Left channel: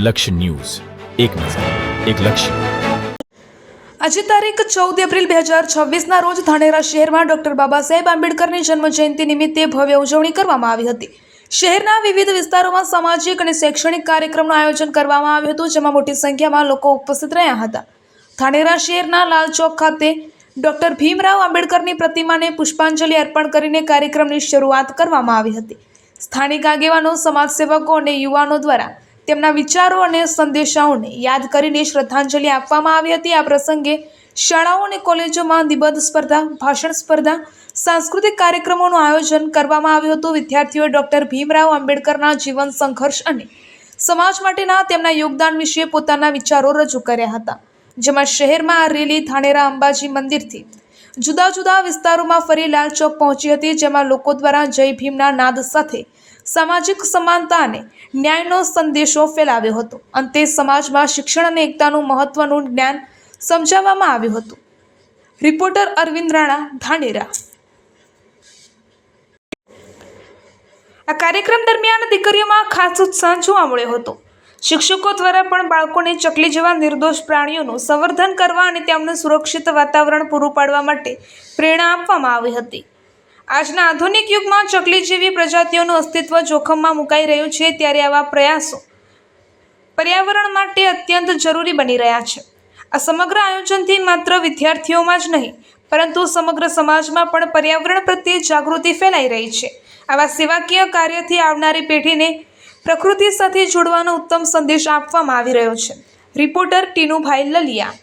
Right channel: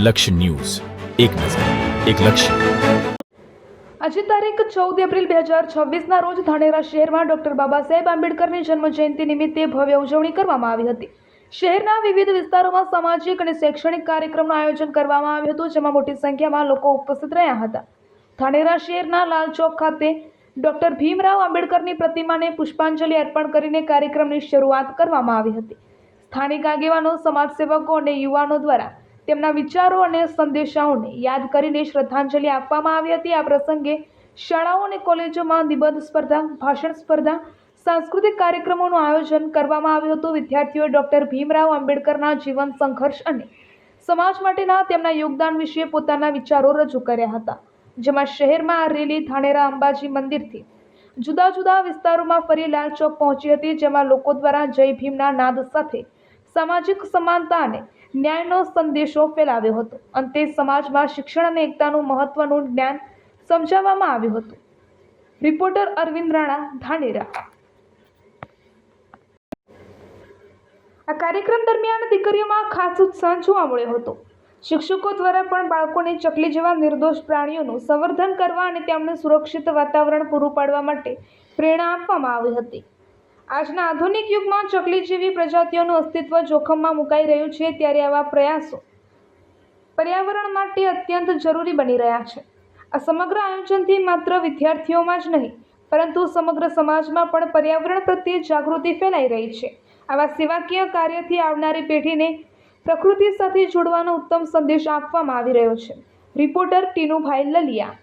લક્ષ્ય ન્યૂઝ, એક નજર, એક લક્ષ્ય. આજે તારીખ 14 એપ્રિલ 2026ના રોજ ધાનેરા શહેરમાં ડોક્ટર બાબા સાહેબ આંબેડકરની જન્મજયંતિ નિમિત્તે ભવ્ય ઉજવણી કરવામાં આવી હતી. શહેરના વિવિધ વિસ્તારોમાં સામાજિક અને શૈક્ષણિક કાર્યક્રમનું આયોજન કરવામાં આવ્યું હતું, જેમાં મોટી સંખ્યામાં લોકો ઉપસ્થિત રહ્યા હતા. ધાનેરા શહેરના લાલ ચોક ખાતે ડોક્ટર ભીમરાવ આંબેડકરની પ્રતિમાને પુષ્પાંજલિ અર્પણ કરીને કાર્યક્રમની શરૂઆત કરવામાં આવી હતી. સ્થાનિક આગેવાનો, સમાજસેવકો અને યુવાનો દ્વારા તેમના વિચારો અને સંદેશાઓને યાદ કરીને શ્રદ્ધાંજલિ આપવામાં આવી હતી. આ પ્રસંગે શાળાઓ અને કોલેજોમાં નિબંધ સ્પર્ધા, ભાષણ સ્પર્ધા, સાંસ્કૃતિક કાર્યક્રમોનું આયોજન કરવામાં આવ્યું હતું. વિદ્યાર્થીઓએ ડોક્ટર ભીમરાવ આંબેડકરના જીવન, સંઘર્ષ અને સમાજ માટેના તેમના યોગદાન વિશે પોતાના વિચારો રજૂ કર્યા હતા. જેમાં શહેરમાં આ રેલી ધાનેરા અંબાજી મંદિરથી જુદા જુદા વિસ્તારોમાં ફરી લાલ ચોક પહોંચી હતી, જેમાં લોકો દ્વારા જય ભીમના નાદ સાથે સામાજિક સમાનતા અને ન્યાયનો સંદેશો ફેલાવ્યો હતો. અંતે સમાજમાં શિક્ષણ અને એકતાનું મહત્વનું જ્ઞાન સમજાવવામાં આવ્યું હતું. રિપોર્ટર અરવિંદ રાણા, ધાનેરા. આ કાર્યક્રમ દરમિયાન દીકરીઓમાં ખાસ ઉત્સાહ જોવા મળ્યો હતો. શિક્ષકો દ્વારા પણ બાળકોને ચકલી જેવા નિર્દોષ પ્રાણીઓનું સંવર્ધન કરવા અને તેમને સુરક્ષિત વાતાવરણ પૂરું પાડવા માટે પ્રેરણા આપવામાં આવી હતી. આજના આધુનિક યુગમાં ચકલી જેવી પ્રજાતિઓનું અસ્તિત્વ જોખમમાં મુકાઈ રહ્યું છે, ત્યારે આવા પ્રયાસો પર્યાવરણ માટે અત્યંત જરૂરી બની રહ્યા છે. આ સમગ્ર આયોજનથી માત્ર વિદ્યાર્થીઓમાં જ નહીં, પરંતુ સમગ્ર સમાજમાં પણ પર્યાવરણ પ્રત્યે જાગૃતિ ફેલાઈ રહી છે. આવા સેવાકીય કાર્યથી આવનારી પેઢીને પ્રકૃતિ સાથે જોડવાનો ઉત્તમ સંદેશ આપવામાં આવી રહ્યો છે. રિપોર્ટર ટીનુભાઈ લલિયા.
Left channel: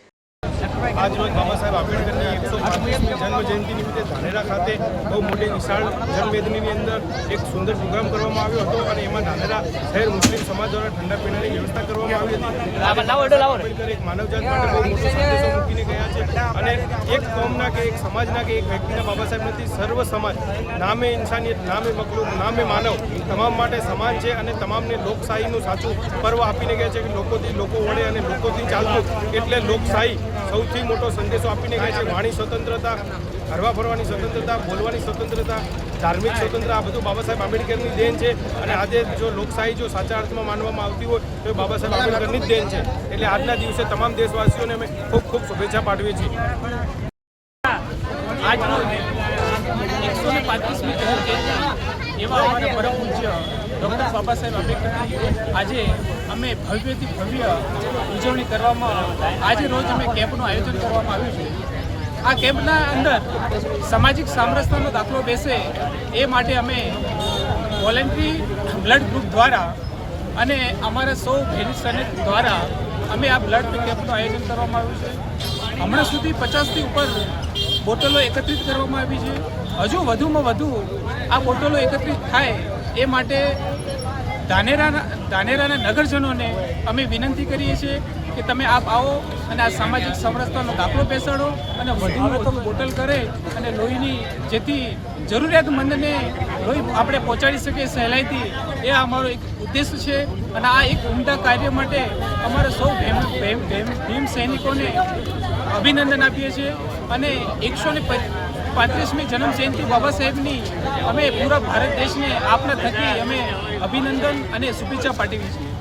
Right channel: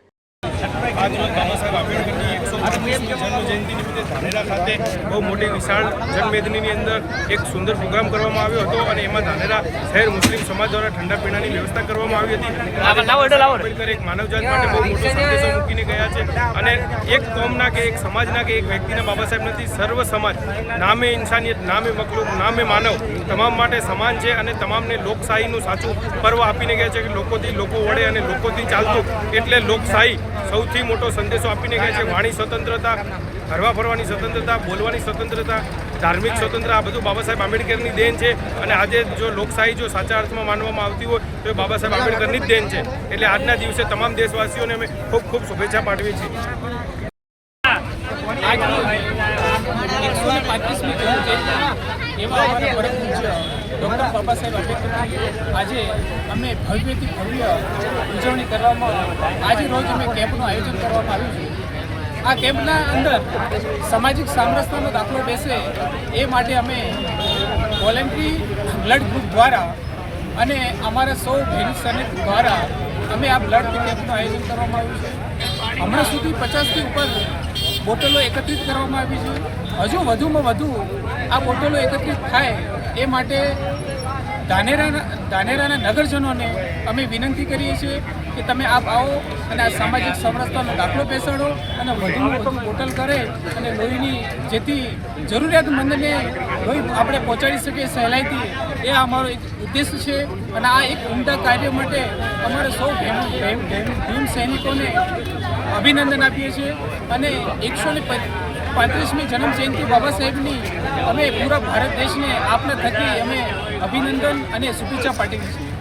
આજ રોજ બાબા સાહેબ આંબેડકરની 135મી જન્મજયંતિ નિમિત્તે ધાનેરા ખાતે બહુ મોટી વિશાળ જનમેદનીની અંદર એક સુંદર પ્રોગ્રામ કરવામાં આવ્યો હતો અને એમાં ધાનેરા શહેર મુસ્લિમ સમાજ દ્વારા ઠંડા પીણાની વ્યવસ્થા કરવામાં આવી હતી. આંબેડકર એક માનવજાત માટે બહુ મોટો સંદેશો મૂકીને ગયા છે અને એક કોમના કે એક સમાજના કે એક વ્યક્તિના બાબા સાહેબ નથી, સર્વ સમાજ, નામે ઇન્સાનિયત, નામે મખલૂક, નામે માનવ, તમામ માટે સમાન છે અને તમામને લોકશાહીનું સાચું પર્વ આપીને ગયા છે કે લોકોથી લોકો વળે અને લોકોથી ચાલતું, એટલે લોકશાહી સૌથી મોટો સંદેશો આપીને ગયા છે. વાણી સ્વતંત્રતા, હરવા ફરવાની સ્વતંત્રતા, બોલવાની સ્વતંત્રતા, ધાર્મિક સ્વતંત્રતા, આ બધું બાબા સાહેબ આંબેડકરની દેન છે. અને આજે જો લોકશાહી જો સાચા અર્થમાં માનવામાં આવતી હોય તો એ બાબા સાહેબ આંબેડકરની જ દેન છે. એટલે આજના દિવસે તમામ દેશવાસીઓને અમે ખૂબ ખૂબ શુભેચ્છા પાઠવીએ છીએ. આજરોજ 135મી જન્મજયંતિ એવા અમારા પરમ પૂજ્ય ડૉક્ટર બાબા સાહેબ આંબેડકરની આજે અમે ભવ્યથી ભવ્ય ઉજવણી કરવામાં આજે રોજ અમે કેમ્પનું આયોજન કરવામાં આવ્યું છે. આ કેમ્પના અંદર સામાજિક સામરસ્યનો દાખલો બેસે એ માટે અમે વોલેન્ટરી બ્લડ ગ્રુપ દ્વારા અને અમારા સૌ બહેન સૈનિક દ્વારા અમે આ બ્લડ કેમ્પનું આયોજન કરવામાં આવ્યું છે. હમણાં સુધી 50થી ઉપર બોટલો એકત્રિત કરવામાં આવી છે. હજુ વધુમાં વધુ આ બોટલો એકત્રિત થાય એ માટે ધાનેરાના નગરજનોને અમે વિનંતી કરીએ છીએ કે તમે આપ આવો અને આ સામાજિક સમરસતાનો દાખલો બેસાડો અને વધુમાં વધુ બોટલ કરે અને લોહીની જેથી જરૂરિયાતમંદને લોહી આપણે પહોંચાડી શકીએ સહેલાઈથી, એ અમારો એક ઉદ્દેશ છે. અને આ એક ઉમદા કાર્ય માટે અમારે સૌ ભીમ સૈનિકોને અભિનંદન આપીએ છીએ અને 135મી જન્મજયંતિ બાબા સાહેબની અમે પૂરા ભારત દેશને આપના થકી અમે અભિનંદન અને શુભેચ્છા પાઠવીએ છીએ.